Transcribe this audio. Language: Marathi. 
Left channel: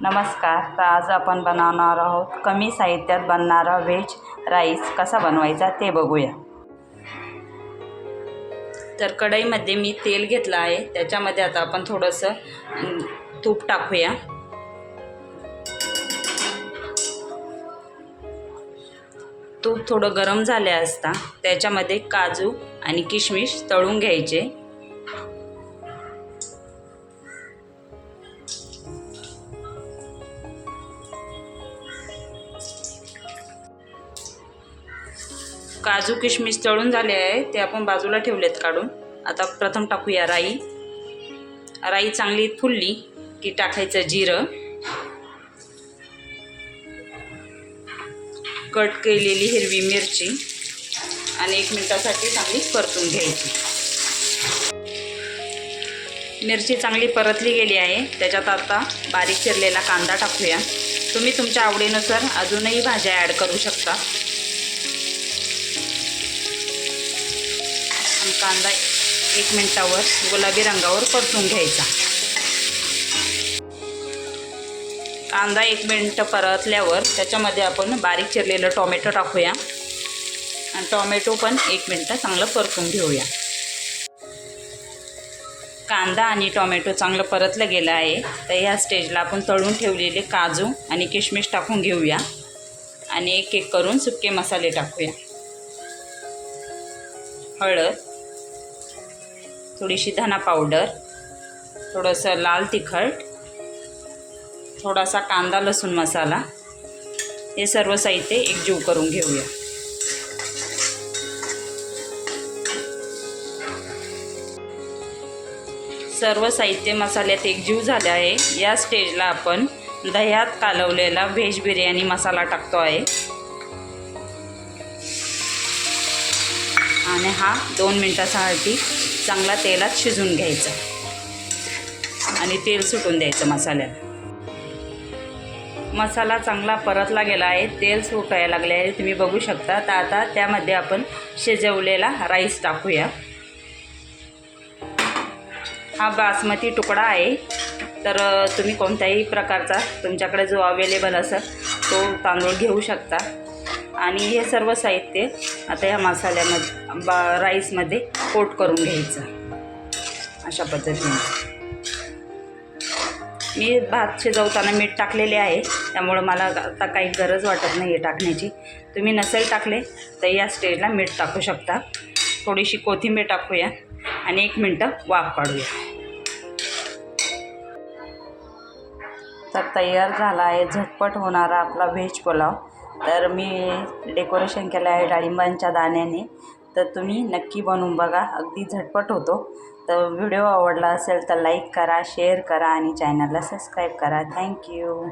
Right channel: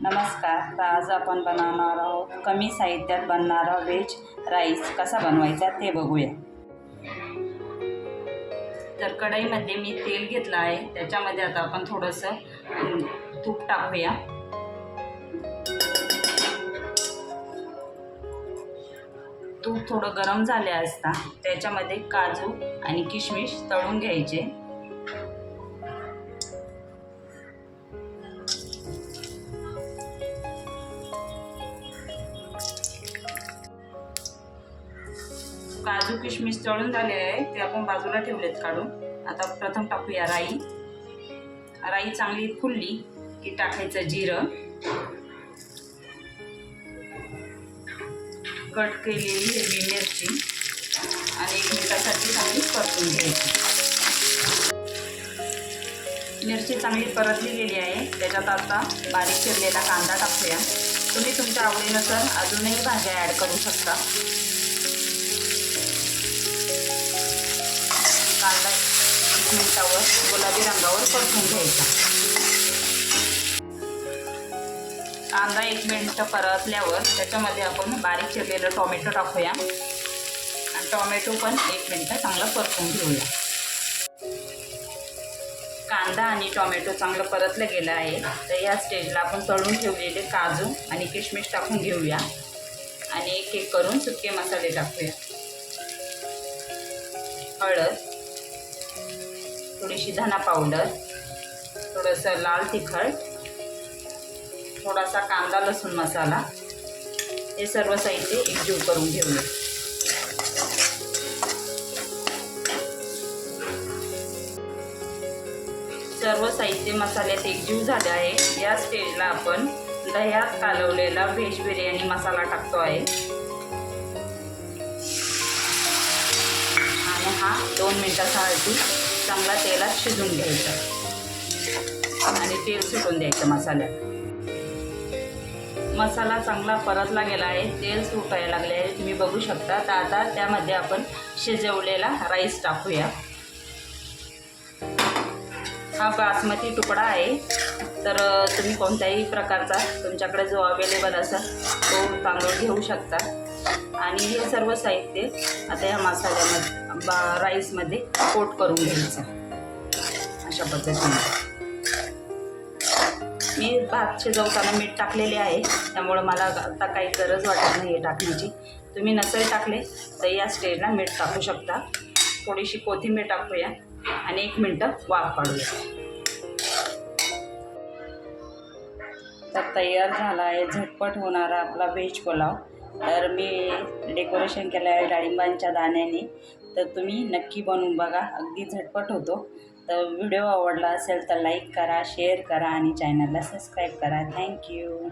नमस्कार. तर आज आपण बनवणार आहोत कमी साहित्यात बनणारा व्हेज राईस. कसा बनवायचा ते बघूया. तर कढईमध्ये मी तेल घेतलं आहे. त्याच्यामध्ये आता आपण थोडंसं तूप टाकूया. तूप थोडं गरम झाले असता त्याच्यामध्ये काजू आणि किशमिश तळून घ्यायचे. काजू किशमिश तळून झाले आहे ते आपण बाजूला ठेवलेत काढून. आता प्रथम टाकूया राई. राई चांगली फुलली की टाकायचं जिरं. कट केलेली हिरवी मिरची आणि एक मिनिटासाठी चांगली परतून घ्यायची. मिरची चांगली परतली गेली आहे. त्याच्यात आता बारीक चिरलेला कांदा टाकूया. तुम्ही तुमच्या आवडीनुसार अजूनही भाज्या ॲड करू शकता. कांदा एक मिनिटावर गुलाबी रंगावर परतून घ्यायचा. कांदा एक मिनटं परतल्यावर त्याच्यामध्ये आपण बारीक चिरलेलं टोमॅटो टाकूया. आणि टोमॅटो पण एक मिनटं चांगलं परतून घेऊया. कांदा आणि टोमॅटो चांगलं परतलं गेलं आहे. तर ह्या स्टेजला आपण तळून ठेवलेले काजू आणि किशमिश टाकून घेऊया. आणि एक एक करून सुके मसाले टाकूया. हळद थोडीशी धना पावडर थोडंसं लाल तिखट थोडासा कांदा लसूण मसाला हे सर्व साहित्य एकजीव करून घेऊया. सर्व साहित्य मसाल्यात एकजीव झाले आहे. या स्टेजला आपण दह्यात कालवलेला व्हेज बिर्याणी मसाला टाकतो आहे. आणि हा दोन मिनटासाठी चांगला तेलात शिजून घ्यायचा. आणि तेल सुटून द्यायचं मसाल्यात. मसाला चांगला परतला गेला आहे. तेल सुटायला लागले आहे. तुम्ही बघू शकता. तर आता त्यामध्ये आपण शिजवलेला राईस टाकूया. हा बासमती तुकडा आहे. तर तुम्ही कोणत्याही प्रकारचा तुमच्याकडे जो अवेलेबल असेल तो तांदूळ घेऊ शकता. आणि हे सर्व साहित्य आता ह्या मसाल्यामध्ये बा राईसमध्ये कोट करून घ्यायचं. अशा पद्धतीने. मी भात शिजवताना मीठ टाकलेले आहे. त्यामुळं मला आता काही गरज वाटत नाही आहे टाकण्याची. तुम्ही नसेल टाकले तर या स्टेजला मीठ टाकू शकता. थोडीशी कोथिंबीर टाकूया आणि एक मिनटं वाफ काढूया. तर तयार झाला आहे झटपट होणारा आपला व्हेज पुलाव. तर मी डेकोरेशन केलं आहे डाळिंबांच्या दाण्याने. तर तुम्ही नक्की बनवून बघा. अगदी झटपट होतो. तर व्हिडिओ आवडला असेल तर लाईक करा शेअर करा आणि चॅनलला सबस्क्राईब करा. थँक्यू